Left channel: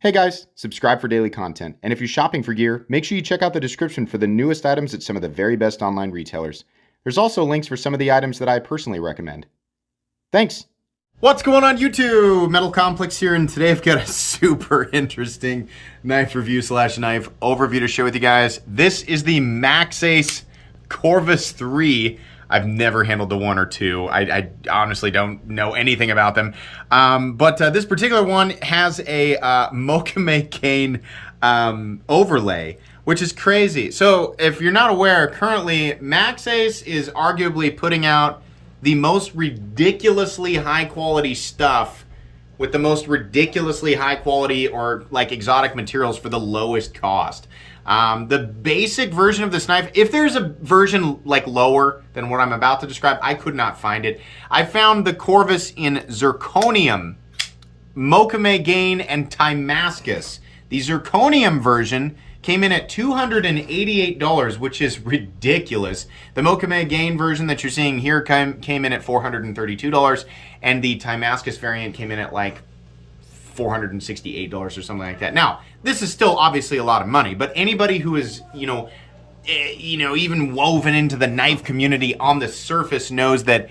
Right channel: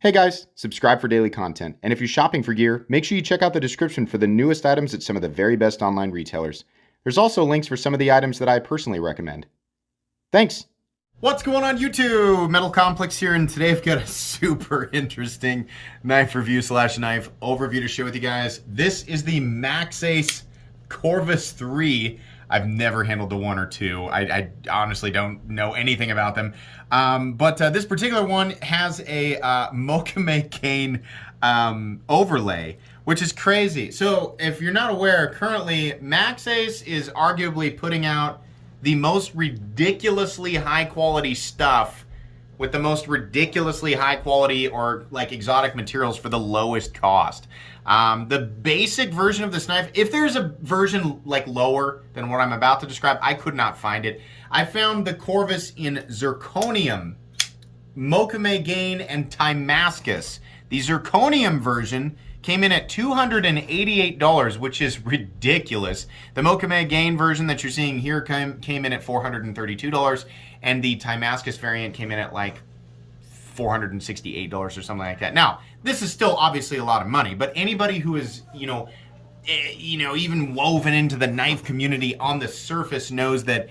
Hey guys, subscribe for daily content, and if you're shopping for gear, make sure you check out the description for the newest items at some of the very best online retailers. There's also links for some of the items that I personally recommend. Thanks! What's going on YouTube? Metal Complex here, and today I've got a super interesting knife review / knife overview to share with you guys. This is the Maxace Corvus III. I've never handled the 1 or 2. I honestly don't know anything about them. But this particular one has a Maxace cane overlay, which is crazy. So if you're not aware, currently Maxace is arguably putting out the most ridiculously high quality stuff with the most ridiculously high quality or like exotic materials for the lowest cost. The basic version of this knife, if there's a version like lower than what I'm about to describe, I could not find it. I found the Corvus in zirconium, Maxace Gain, and Damascus. The zirconium version came in at $288, which is ridiculous. The Maxace Gain version that you're seeing here came in at $432, and the Damascus variant came in at like $468 or something like that. Now, this is still obviously a lot of money, but anybody who is, even woven into the knife community on the surface knows that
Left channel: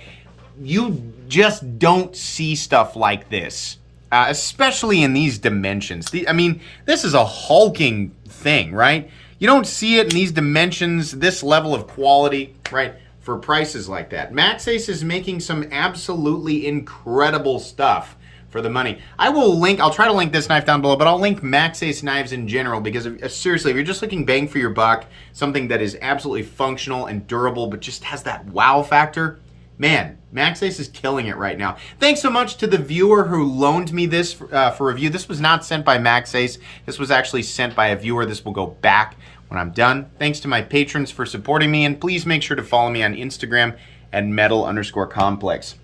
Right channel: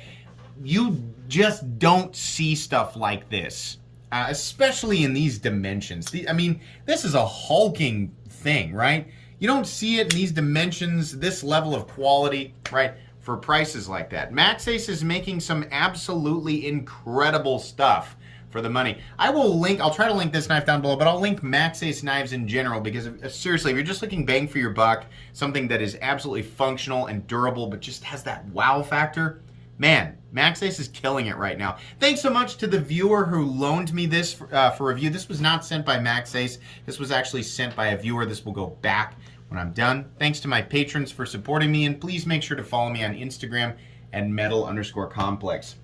you just don't see stuff like this, especially in these dimensions. This is a hulking thing, right? You don't see it in these dimensions, this level of quality, right, for prices like that. Maxace is making some absolutely incredible stuff for the money. I'll try to link this knife down below, but I'll link Maxace knives in general because seriously, if you're just looking bang for your buck, something that is absolutely functional and durable, but just has that wow factor, man, Maxace is killing it right now. Thanks so much to the viewer who loaned me this for review. This was not sent by Maxace. This was actually sent by a viewer. This will go back when I'm done. Thanks to my patrons for supporting me, and please make sure to follow me on Instagram at metal_complex.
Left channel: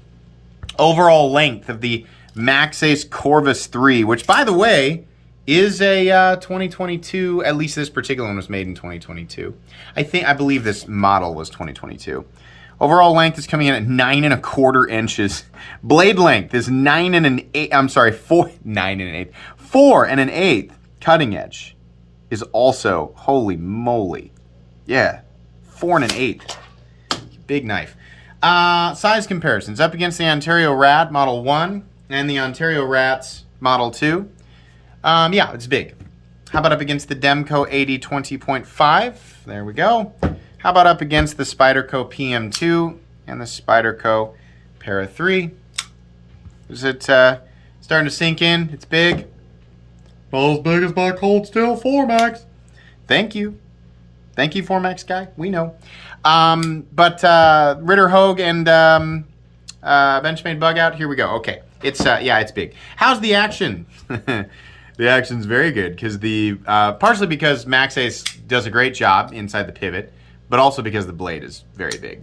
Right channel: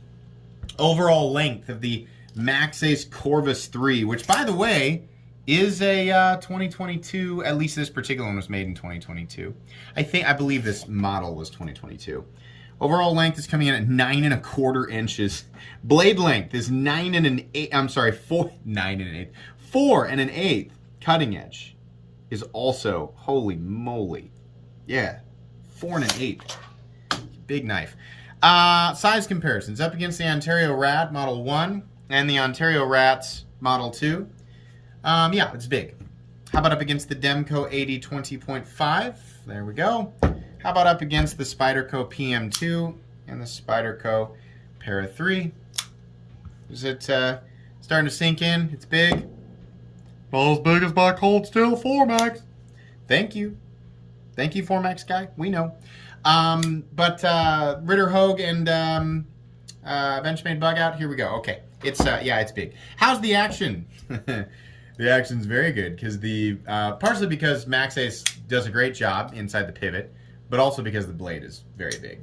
Overall length of the Maxace Corvus III, which by the way is a 2022, at least this particular one was made in 2022. I believe this model was 2022. Overall length is coming in at 9 1/4 inches. Blade length is 9 1/8. Cutting edge is also, holy moly, yeah, 4 1/8. Big knife. Size comparisons up against the Ontario Rat Model 1 and the Ontario Rats Model 2. Yeah, it's big. How about up against the Demco 80-20.5? There we go. How about up against the Spyderco PM2 and the Spyderco Para 3? Is it starting to sink in? It's big. Not as big as my Cold Steel 4MAX. Thank you. Thank you, 4MAX guy. We know. But Ritter Hogue and Benchmade Bug Out. Here we go. Okay. It's it's big. How's the action? The action's very good because partially because Maxace does a great job inside the pivot, but also because the blade is very big.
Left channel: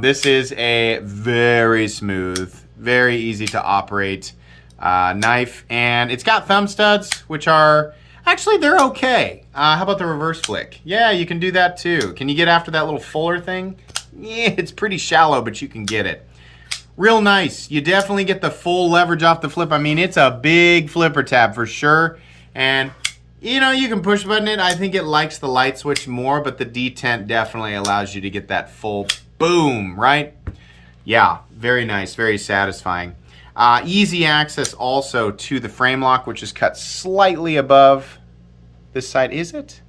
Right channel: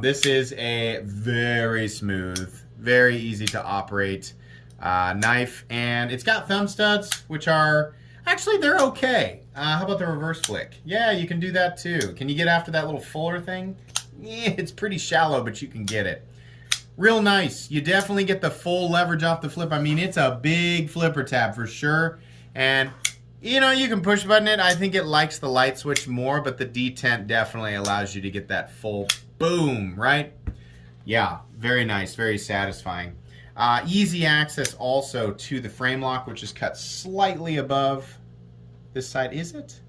This is a very smooth, very easy to operate knife, and it's got thumb studs, which are actually they're okay. How about the reverse flick? Yeah, you can do that too. Can you get after that little fuller thing? Yeah, it's pretty shallow, but you can get it. Real nice. You definitely get the full leverage off the flip. I mean, it's a big flipper tab for sure. And, you can push button it. I think it likes the light switch more, but the detent definitely allows you to get that full boom, right? Yeah, very nice, very satisfying. Easy access also to the frame lock, which is cut slightly above this side. Is it?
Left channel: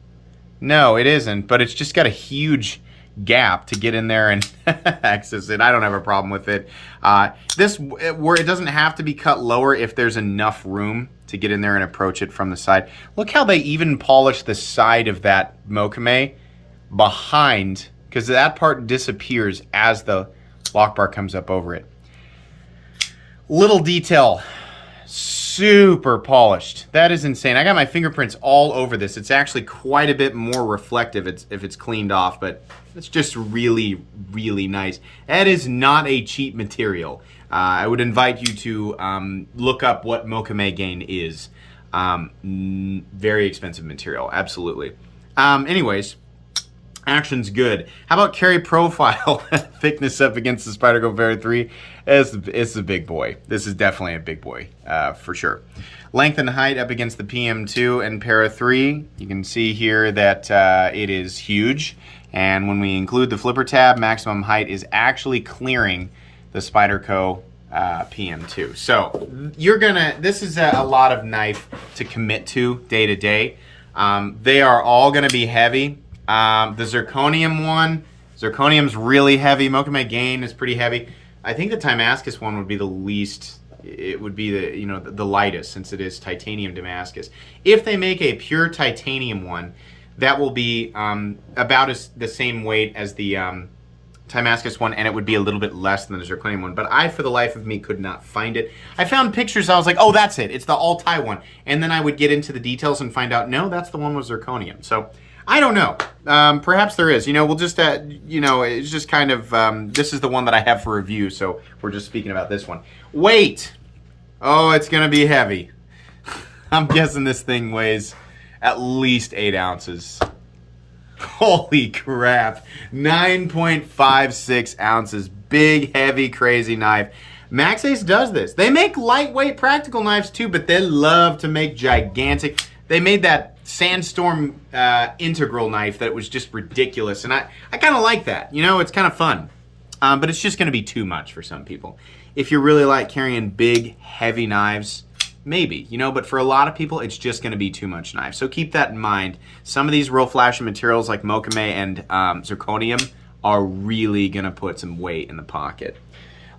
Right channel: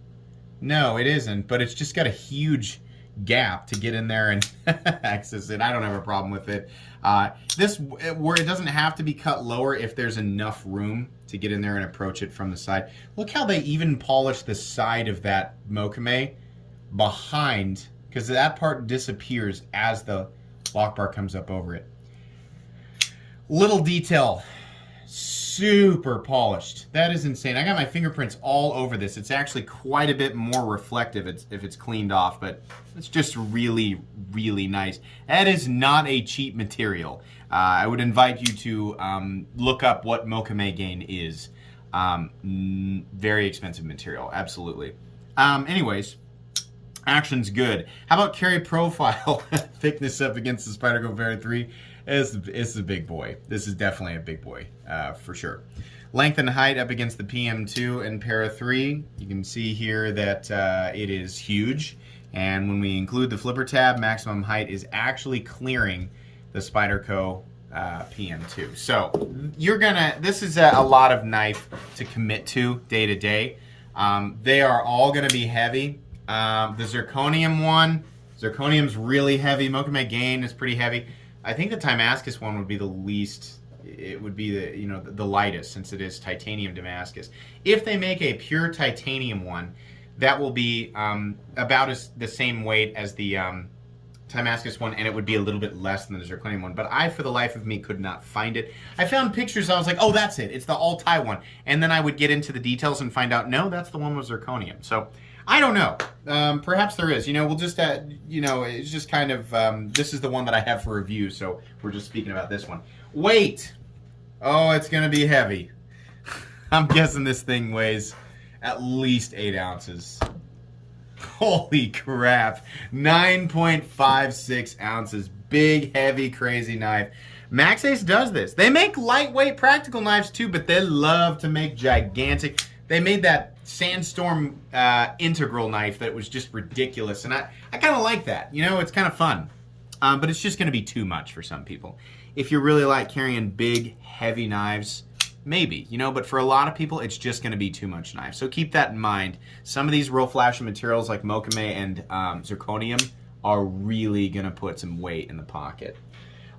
No, it isn't, but it's just got a huge gap to get in there and access it. I don't have a problem with it. It doesn't have to be cut lower if there's enough room to get in there and approach it from the side. Look how they even polish the side of that Maxace behind, because that part disappears as the lock bar comes up over it. Little detail, super polished. That is insane. I got my fingerprints all over this. It's actually quite a bit more reflective if it's cleaned off, but it's just really, really nice. That is not a cheap material. I would invite you to look up what Maxace Gain is. Very expensive material, absolutely. Anyways, action's good. How about carry profile? Thickness up against the Spyderco Para 3. It's a big boy. This is definitely a big boy, for sure. Length and height up against the PM2 and Para 3. You can see here that it is huge. And when we include the flipper tab, maximum height is actually clearing the Spyderco PM2. So this is a lot of knife to commit to day to day. They are all gonna be heavy. The zirconium one, zirconium's really heavy. Mokame Gain is pretty heavy. I think the Damascus one would be the least. It would be the lightest, since it is titanium Damascus. If they make a pure titanium one, that will be about the same weight as the Damascus one, and it would be a little bit less than the zirconium one. But I, for the life of me, could not find it. I found pictures and I was like, oh, that's it. It's the all-tie one. And then I would get into the details and find out, no, that's the one with zirconium. So I don't know. Perhaps there is. We'll just, it's just kind of, this is the one that I have for review, so we're just speaking about this one. Weight. Oh, it's going to be heavy. I'm guessing this thing weighs at least 8 ounces. Holy crap. 9.56 ounces. Big, heavy, crazy knife. Maxace does this. They make lightweight practical knives too, but they love to make gigantic. They made that Sandstorm integral knife that was just ridiculous, and I kind of like that. It's kind of fun, but it's just going to be too much for some people. If you really like carrying big, heavy knives, maybe, but for a lot of people, it's just going to be too much knife. So keep that in mind. Some of these real flashy materials like Mokame and zirconium are really going to put some weight in the pocket.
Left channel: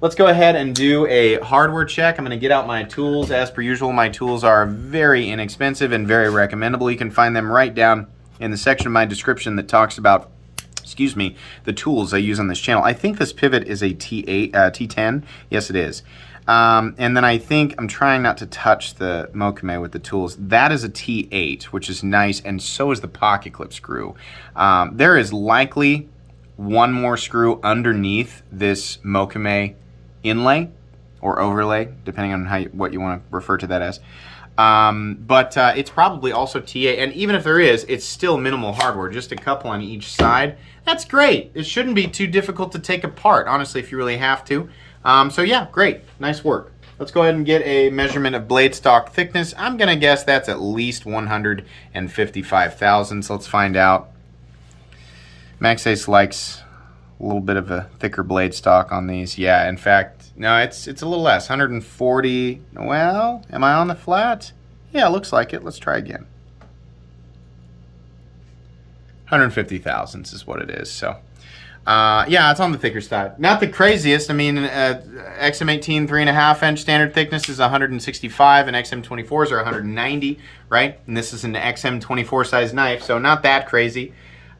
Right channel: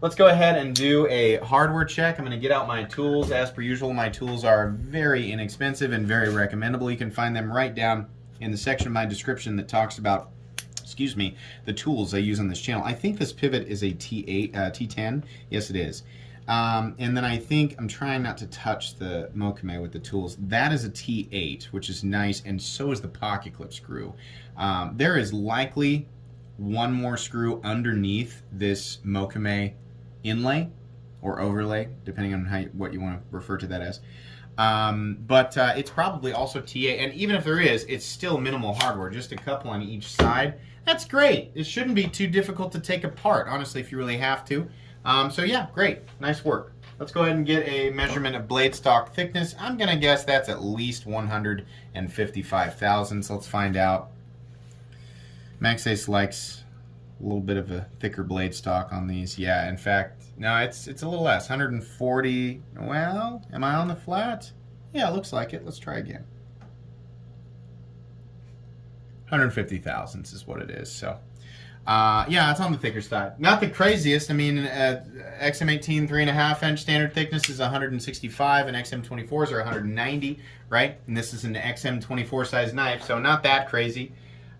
Let's go ahead and do a hardware check. I'm going to get out my tools. As per usual, my tools are very inexpensive and very recommendable. You can find them right down in the section of my description that talks about, the tools I use on this channel. I think this pivot is a T10. Yes, it is. And then I think, I'm trying not to touch the Mokame with the tools. That is a T8, which is nice, and so is the pocket clip screw. There is likely one more screw underneath this Mokame inlay or overlay, depending on what you want to refer to that as. But it's probably also T8, and even if there is, it's still minimal hardware, just a couple on each side. That's great. It shouldn't be too difficult to take apart, honestly, if you really have to. So yeah, great. Nice work. Let's go ahead and get a measurement of blade stock thickness. I'm going to guess that's at least 155 thousandths. Let's find out. Maxace likes a little bit of a thicker blade stock on these. Yeah, in fact, no, it's a little less. 140. Well, am I on the flat? Yeah, it looks like it. Let's try again. 150 thousandths is what it is. So, yeah, it's on the thicker side. Not the craziest. I mean, XM18 3.5 inch standard thickness is 165, and XM24s are 190, right? And this is an XM24 size knife, so not that crazy.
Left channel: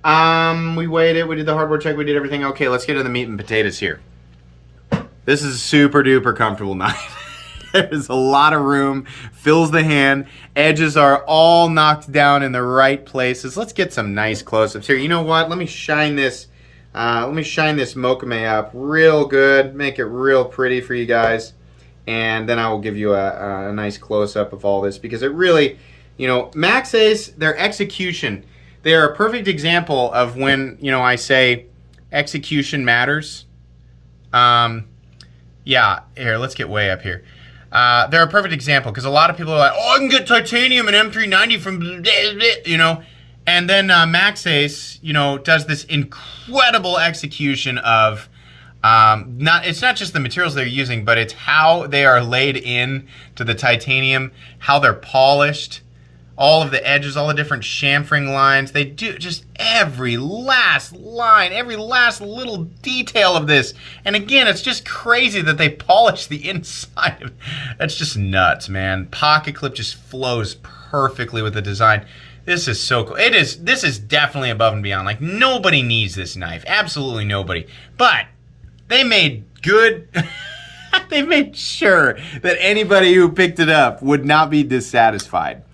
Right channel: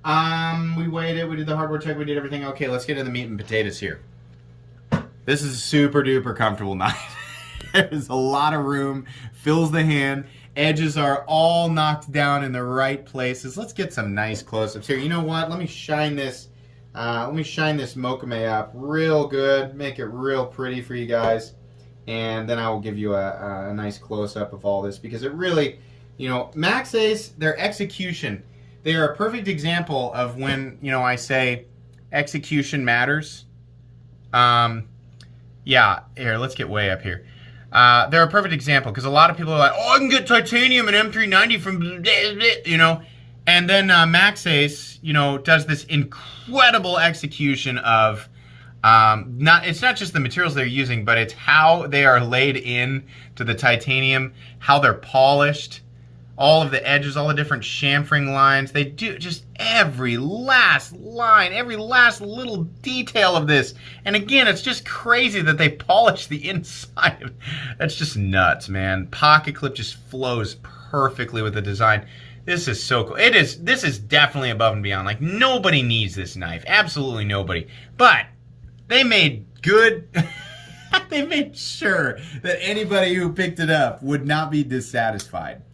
We weighed it, we did the hardware check, we did everything. Okay, let's get to the meat and potatoes here. This is a super duper comfortable knife. There's a lot of room, fills the hand, edges are all knocked down in the right places. Let's get some nice close-ups here. You know what? Let me shine this Mokame up real good, make it real pretty for you guys, and then I will give you a nice close-up of all this, because it really, Maxace, their execution, they are a perfect example of when, I say execution matters. Yeah, here, let's get way up here. They're a perfect example, because a lot of people are like, oh, I can get titanium and M390 from, and then Maxace, does this incredible execution of, it's not just the materials they're using, but it's how they are laid in to the titanium, how they're polished, all of the edges, all the different chamfering lines. They do just every last line, every last little detail of this. And again, it's just crazy that they polish the inside of it. That's just nuts, man. Pocket clip just flows perfectly with the design. This is so cool. This is definitely above and beyond. Like, nobody needs this knife. Absolutely nobody. But they made good... they made sure that anybody who picked it up would not be dissatisfied.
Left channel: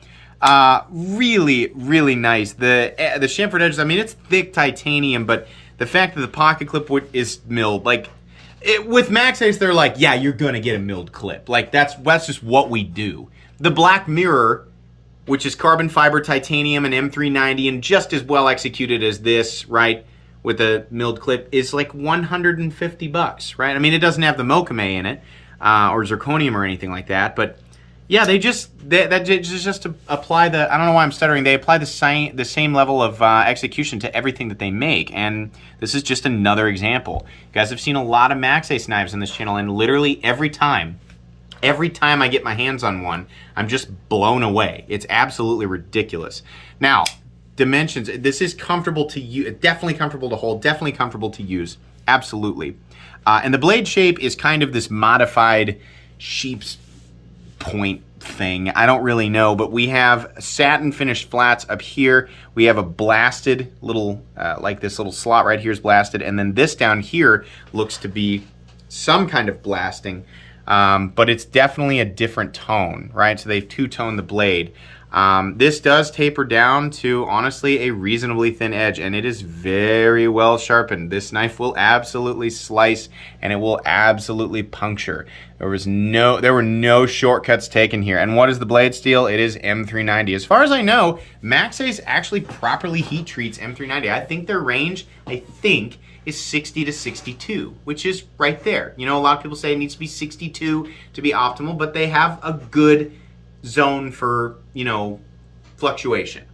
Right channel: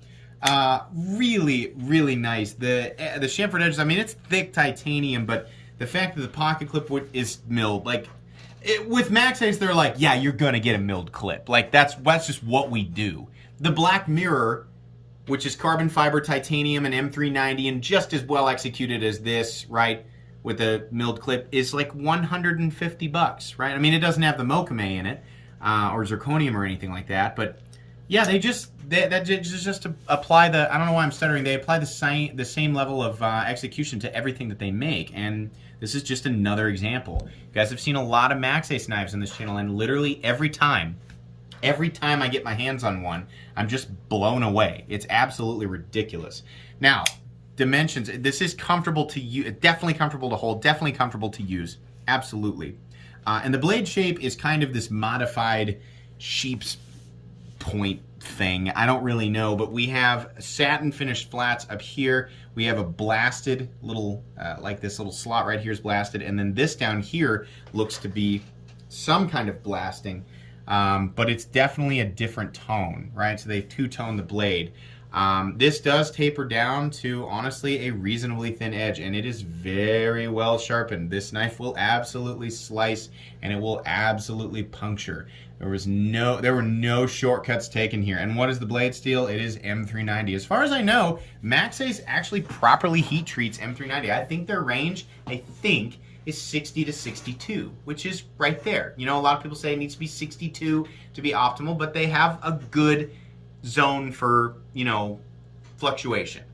Really, really nice. The chamfered edges, I mean, it's thick titanium, but the fact that the pocket clip is milled, like, with Maxace, they're like, yeah, you're gonna get a milled clip. Like, that's just what we do. The black mirror, which is carbon fiber titanium and M390 and just as well executed as this, right, with a milled clip, is like 150 bucks, right? I mean, it doesn't have the Mokame in it, or zirconium or anything like that, but Yeah, that's just to apply the, I don't know why I'm stuttering, they apply the same level of execution to everything that they make, and this is just another example. You guys have seen a lot of Maxace knives on this channel, and literally every time I get my hands on one, I'm just blown away. It's absolutely ridiculous. Now, dimensions, this is comfortable to use, definitely comfortable to hold, definitely comfortable to use, absolutely. And the blade shape is kind of this modified sheep's point thing. I don't really know, but we have satin finished flats up here. We have a blasted little, like this little slot right here is blasted, and then this down here looks to be some kind of blasting, but it's definitely a different tone, right? So they've two-toned the blade. This does taper down to, honestly, a reasonably thin edge, and it is very well sharpened. This knife will absolutely slice, and it will absolutely puncture. There were no shortcuts taken here. And what is the blade steel? It is M390. As far as I know, Maxace actually properly heat treats M390. I think their range, is 60 to 62, which is right there. You know, a lot of people say it needs to be 62 to be optimal, but they have a good zone for, you know, fluctuation.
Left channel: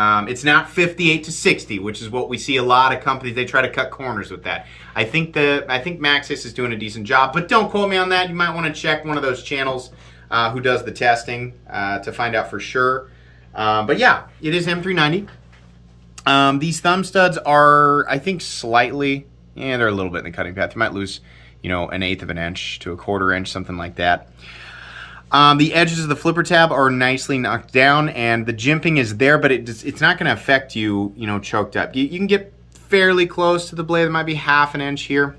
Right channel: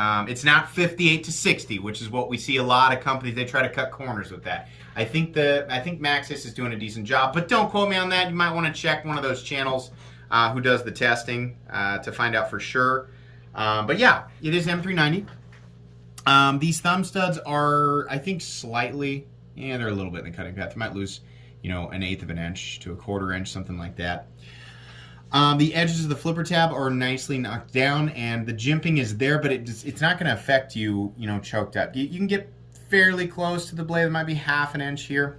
It's not 58 to 60, which is what we see a lot of companies, they try to cut corners with that. I think Maxace is doing a decent job, but don't quote me on that. You might want to check one of those channels who does the testing to find out for sure. But yeah, it is M390. These thumb studs are, I think, slightly, they're a little bit in the cutting path. You might lose, you know, 1/8 of an inch to 1/4 inch, something like that. The edges of the flipper tab are nicely knocked down, and the jimping is there, but it's not going to affect you, you know, choked up. You can get fairly close to the blade. There might be 1/2 inch here.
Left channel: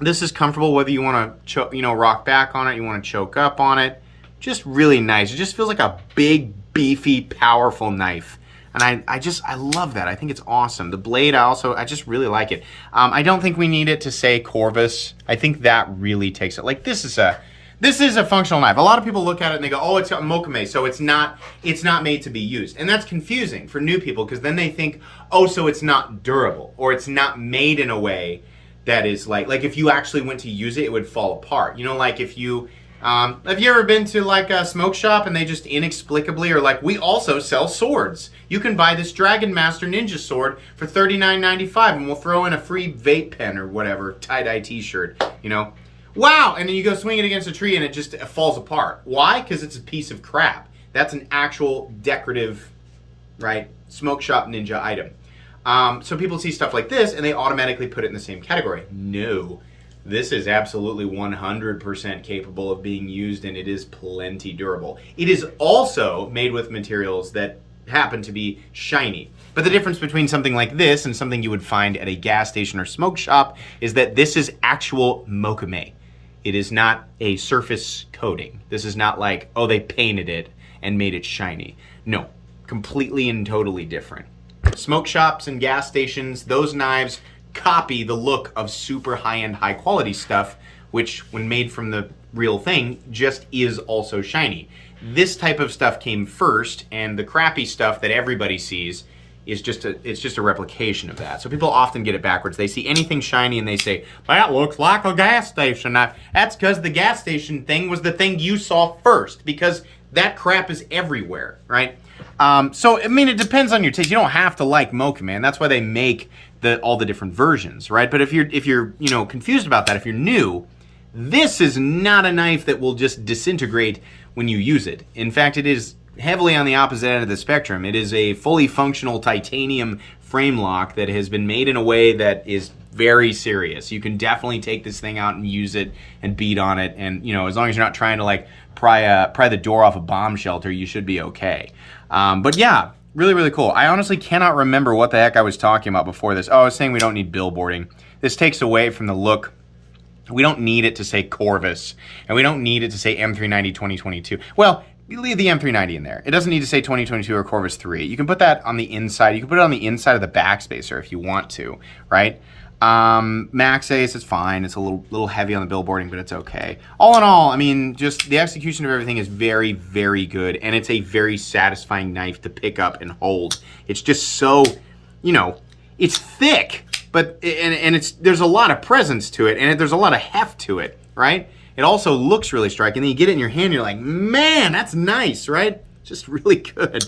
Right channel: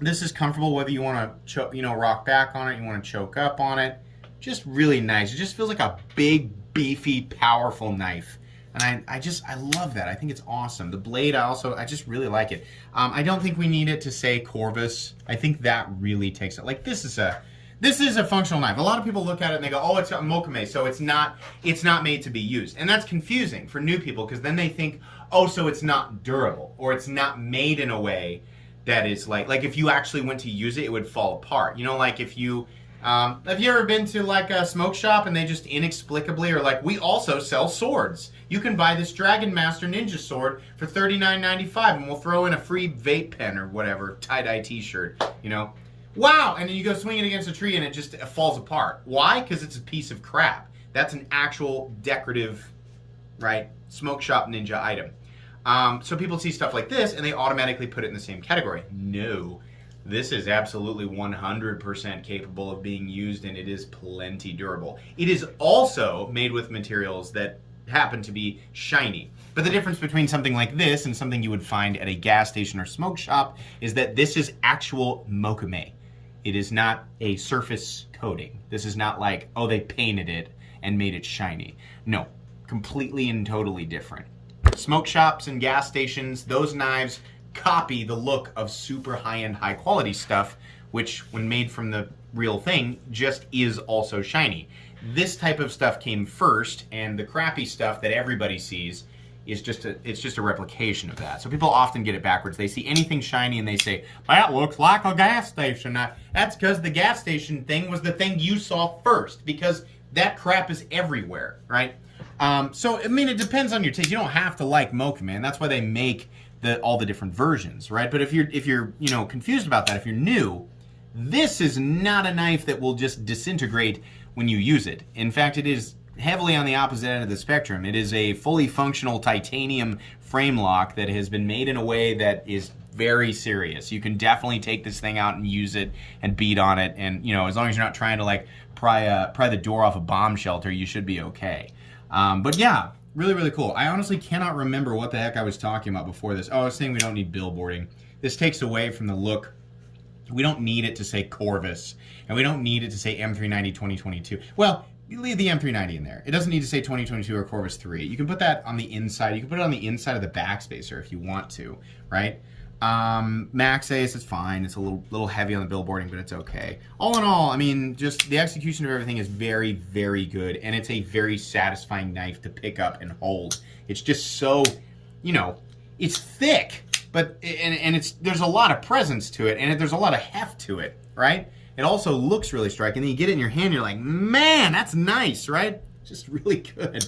This is comfortable whether you want to, you know, rock back on it, you want to choke up on it. Just really nice. It just feels like a big, beefy, powerful knife. And I love that. I think it's awesome. The blade, I just really like it. I don't think we need it to say Corvus. I think that really takes it. Like, this is a functional knife. A lot of people look at it and they go, oh, it's got Maxace, so it's not made to be used. And that's confusing for new people, because then they think, oh, so it's not durable, or it's not made in a way that is like if you actually went to use it, it would fall apart. You know, like if you, have you ever been to like a smoke shop and they just inexplicably are like, we also sell swords. You can buy this Dragon Master Ninja sword for $39.95 and we'll throw in a free vape pen or whatever, tie-dye t-shirt, you know. Wow, and then you go swing it against a tree and it just falls apart. Why? Because it's a piece of crap. That's an actual decorative, right, smoke shop ninja item. So people see stuff like this and they automatically put it in the same category. No, this is absolutely 100% capable of being used, and it is plenty durable. It is also made with materials that happen to be shiny. But the difference between something like this and something you would find at a gas station or smoke shop is that this is actual Maxace. It is not a surface coating. This is not like, oh, they painted it and made it shiny. No, completely and totally different. Smoke shops and gas stations, those knives copy the look of super high-end, high-quality stuff, which, when made from the real thing, just is also shiny. This type of stuff came first, and the crappy stuff that everybody sees is it's just a replication of that. So people often get it backwards. They see anything shiny and they say, that looks like a gas station. That's because the gas station thing was the thing you saw first, because that crap is everywhere, right? So, I mean, it depends on your taste. You don't have to like Mocha, man. That's why they make all the different versions, right? But if you're you know, confused about that, if you're new, this is not a knife that will just disintegrate when you use it. In fact, it is heavily on the opposite end of the spectrum. It is a fully functional titanium frame lock that has been made in a way that is very serious. You can definitely take this thing out and use it and beat on it, and, you know, as long as you're not trying to like pry the door off a bomb shelter, you should be okay. But yeah, really, really cool. I honestly cannot remember what the heck I was talking about before this. Oh, I was saying we don't need billboarding. This takes away from the look. We don't need it to say Corvus, and we don't need it to say M390 2022. Well, you leave the M390 in there. It doesn't need to say 2022 or Corvus 3. You can put that on the inside. You can put it on the inside of the backspacer if you want to, right? Maxace is fine. It's a little heavy on the billboarding, but it's okay. All in all, I mean, just the execution of everything is very, very good, and it's a very satisfying knife to pick up and hold. It's just so, you know, it's thick, but there's a lot of presence to it, and there's a lot of heft to it, right? It also looks really striking. Then you get it in your hand, you're like, man, that's nice, right? Just really good.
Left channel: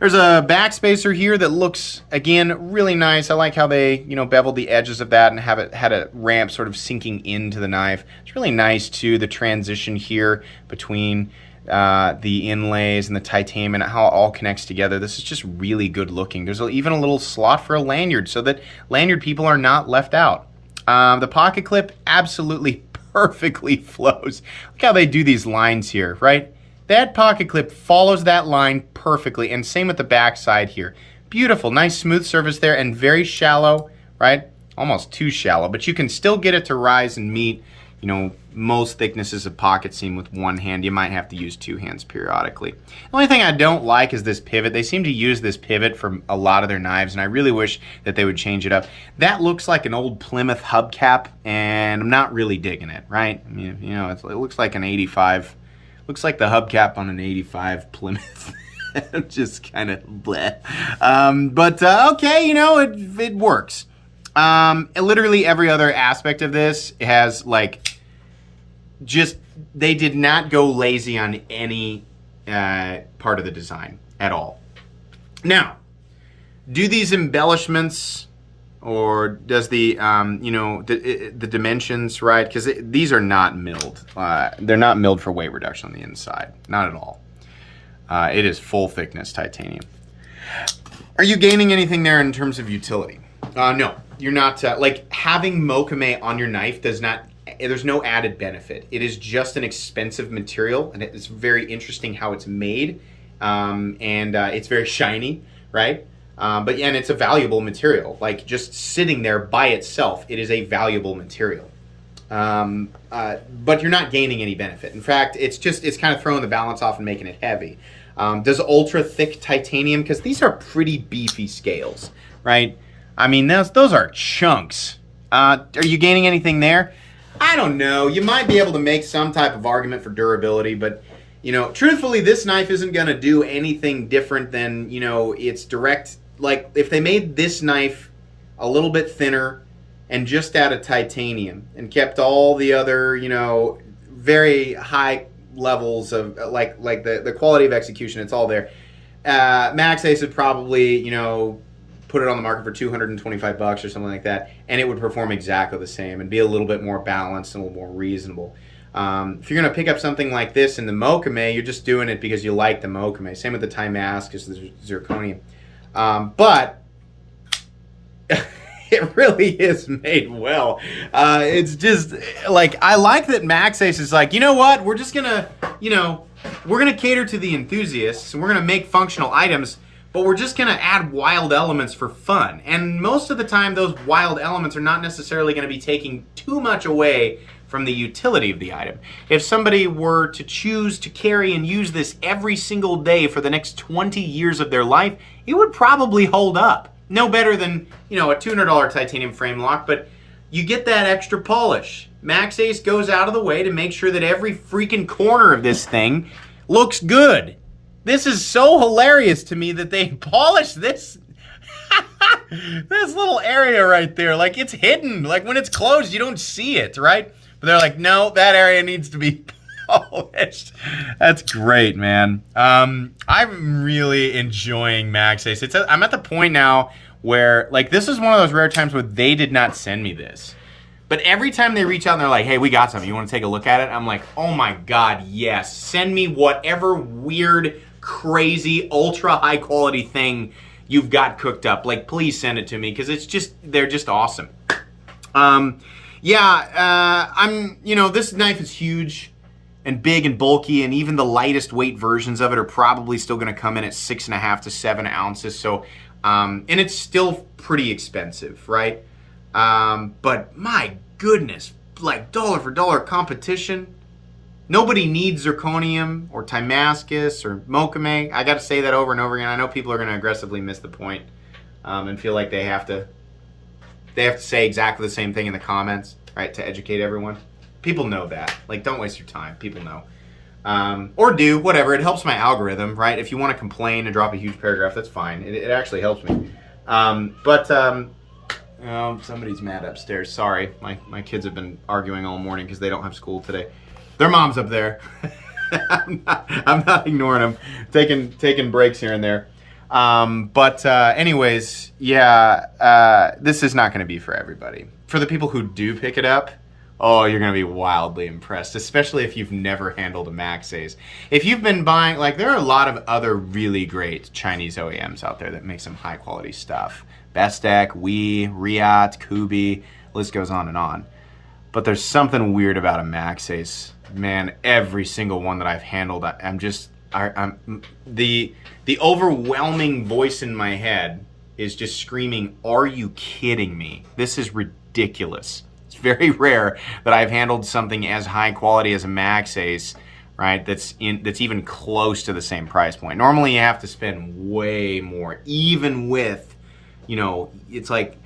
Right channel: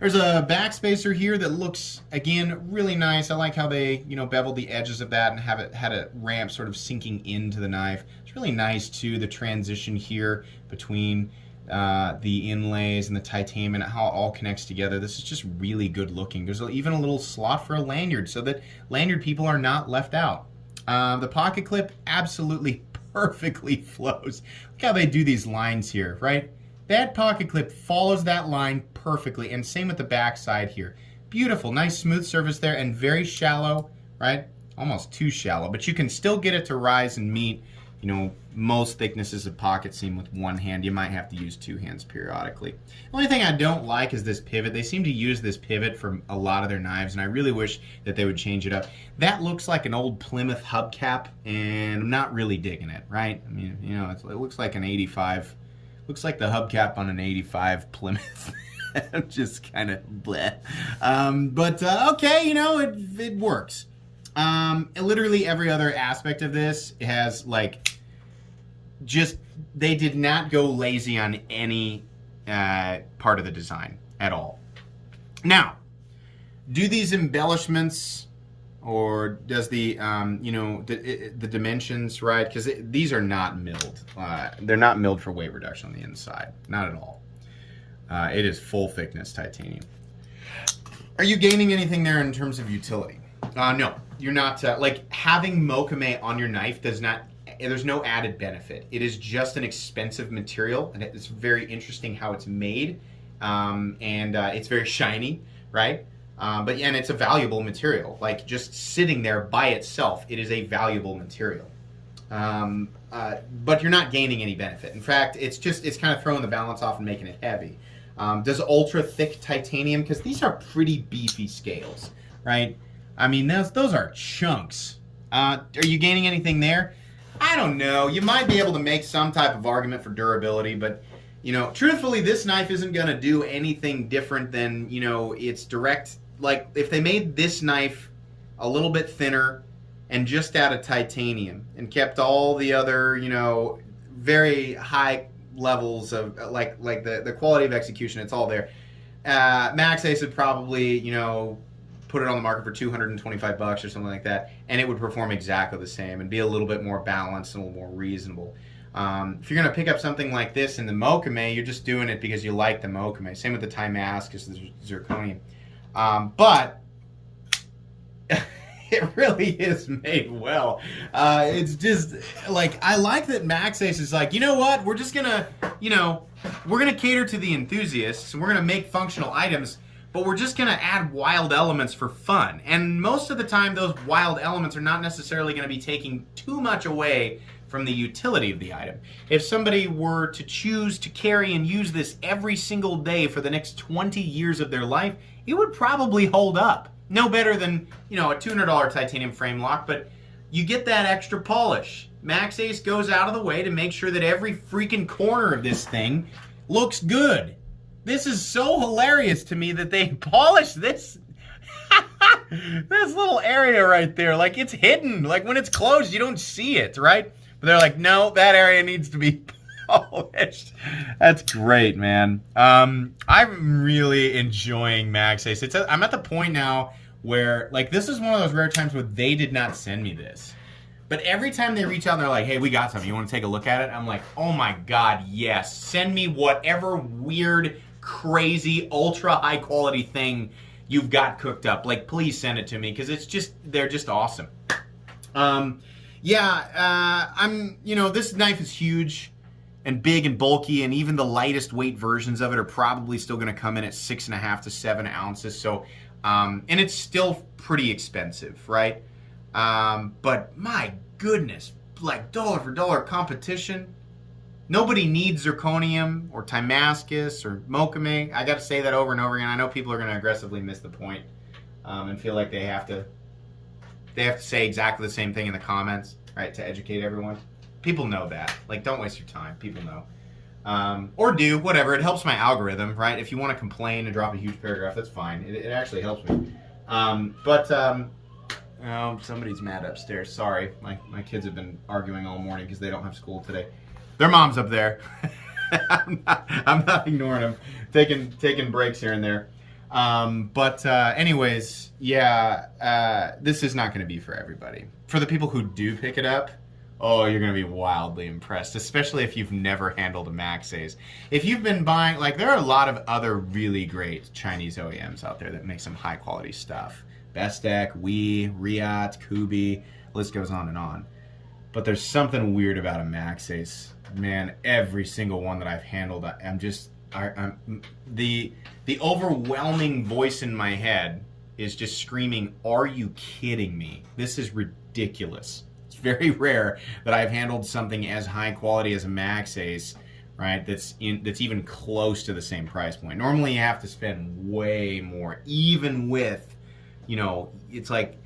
There's a backspacer here that looks, again, really nice. I like how they, beveled the edges of that and have it had a ramp sort of sinking into the knife. It's really nice, too, the transition here between the inlays and the titanium and how it all connects together. This is just really good looking. There's even a little slot for a lanyard so that lanyard people are not left out. The pocket clip absolutely perfectly flows. Look how they do these lines here, right? That pocket clip follows that line perfectly, and same with the back side here. Beautiful, nice smooth surface there, and very shallow, right? Almost too shallow, but you can still get it to rise and meet, most thicknesses of pocket seam with one hand. You might have to use two hands periodically. The only thing I don't like is this pivot. They seem to use this pivot for a lot of their knives, and I really wish that they would change it up. That looks like an old Plymouth hubcap, and I'm not really digging it, right? I mean, it looks like an 85. Looks like the hubcap on an 85 Plymouth. Just kind of bleh. Okay, it works. Literally every other aspect of this has, they did not go lazy on any part of the design at all. Now, do these embellishments, or does the dimensions, right? Because these are not milled. They're not milled for weight reduction on the inside. Not at all. It is full thickness titanium. Are you gaining anything there in terms of utility? No, you're not. Having Maxace on your knife does not, there's no added benefit. It is just an expensive material, and it's very interesting how it's made. It's very shiny, right? And it's a valuable material. Just sitting there by itself, it is a valuable material. But you're not gaining any benefit. In fact, it's kind of throwing the balance off and making it heavy. Does ultra thick titanium, because these are pretty beefy scales, right? I mean, those are chunks. Are you gaining anything there? I don't know. You might be able to make some type of argument for durability, but truthfully, this knife isn't going to do anything different than, its direct. If they made this knife a little bit thinner and just out of titanium and kept all the other, very high levels of the quality of execution, it's all there. Maxace would probably, put it on the market for $225 or something like that, and it would perform exactly the same and be a little bit more balanced and a little more reasonable. If you're going to pick up something like this in the Maxace, you're just doing it because you like the Maxace. Same with the Damascus, the zirconium. But it really is made well. It's just I like that Maxace is you know what? We're just gonna, we're gonna cater to the enthusiasts, and we're gonna make functional items, but we're just gonna add wild elements for fun. And most of the time, those wild elements are not necessarily gonna be taking too much away from the utility of the item. If somebody were to choose to carry and use this every single day for the next 20 years of their life, it would probably hold up. No better than, a $200 titanium frame lock, but you get that extra polish. Maxace goes out of the way to make sure that every freaking corner of this thing looks good. This is so hilarious to me that they polished this this little area right there. It's hidden. When it's closed, you don't see it, right? But they're like, no, that area needs to be polished. That's great, man. I'm really enjoying Maxace. I'm at the point now where, this is one of those rare times where they did not send me this. But every time they reach out and they're like, hey, we got something. You want to take a look at it? I'm like, oh my God, yes. Send me whatever weird, crazy, ultra high quality thing you've got cooked up. Please send it to me, because they're just awesome. This knife is huge and big and bulky, and even the lightest weight versions of it are probably still going to come in at 6.5 to 7 ounces. So, and it's still pretty expensive, right? But my goodness, dollar for dollar competition. Nobody needs zirconium or Damascus or Maxace. I got to say that over and over again. I know people are going to aggressively miss the point and feel like they have to say exactly the same thing in the comments, right, to educate everyone. People know that. Don't waste your time. People know. Or do, whatever. It helps my algorithm, right? If you want to complain and drop a huge paragraph, that's fine. It actually helps me. Somebody's mad upstairs. Sorry. My kids have been arguing all morning because they don't have school today. Their mom's up there. I'm not ignoring them. Taking breaks here and there. Anyways, yeah, this is not going to be for everybody. For the people who do pick it up, oh, you're going to be wildly impressed, especially if you've never handled a Maxace. If you've been buying, like, there are a lot of other really great Chinese OEMs out there that make some high quality stuff. Bestech, Wii, Riot, Kubi, list goes on and on. But there's something weird about a Maxace. Man, every single one that I've handled, I'm the overwhelming voice in my head is just screaming, "Are you kidding me? This is ridiculous." It's very rare that I've handled something as high quality as a Maxace, right? That's even close to the same price point. Normally, you have to spend way more, even with, you know, it's like,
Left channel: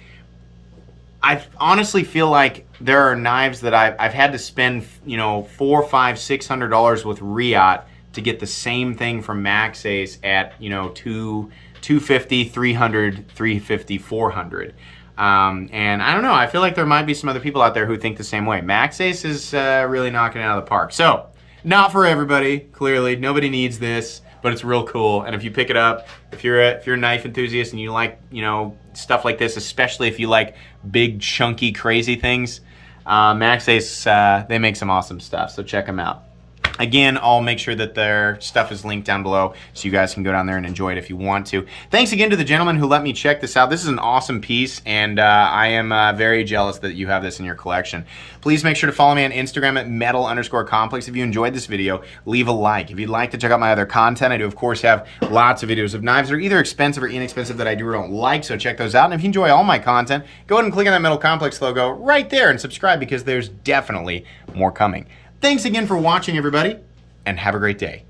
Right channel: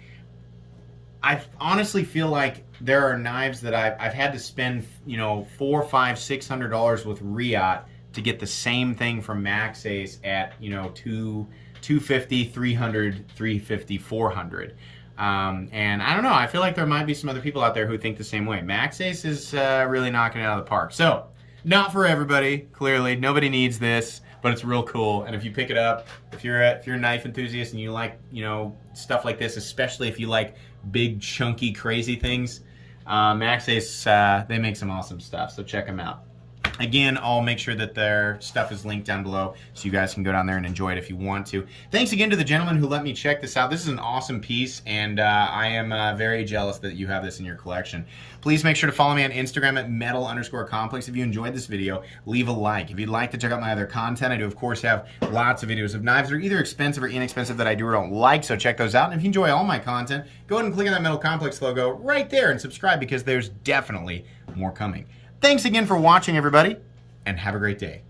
I honestly feel like there are knives that I've had to spend, you know, $400, $500, $600 with Riot to get the same thing from Maxace at, you know, $250, $300, $350, $400. And I don't know, I feel like there might be some other people out there who think the same way. Maxace is really knocking it out of the park. So, not for everybody, clearly. Nobody needs this, but it's real cool. And if you pick it up, if you're a knife enthusiast and you like, you know, stuff like this, especially if you like big, chunky, crazy things, Maxace, they make some awesome stuff, so check them out. Again, I'll make sure that their stuff is linked down below so you guys can go down there and enjoy it if you want to. Thanks again to the gentleman who let me check this out. This is an awesome piece, and I am very jealous that you have this in your collection. Please make sure to follow me on Instagram at metal_complex. If you enjoyed this video, leave a like. If you'd like to check out my other content, I do, of course, have lots of videos of knives that are either expensive or inexpensive that I do or don't like, so check those out. And if you enjoy all my content, go ahead and click on that Metal Complex logo right there and subscribe, because there's definitely more coming. Thanks again for watching, everybody, and have a great day.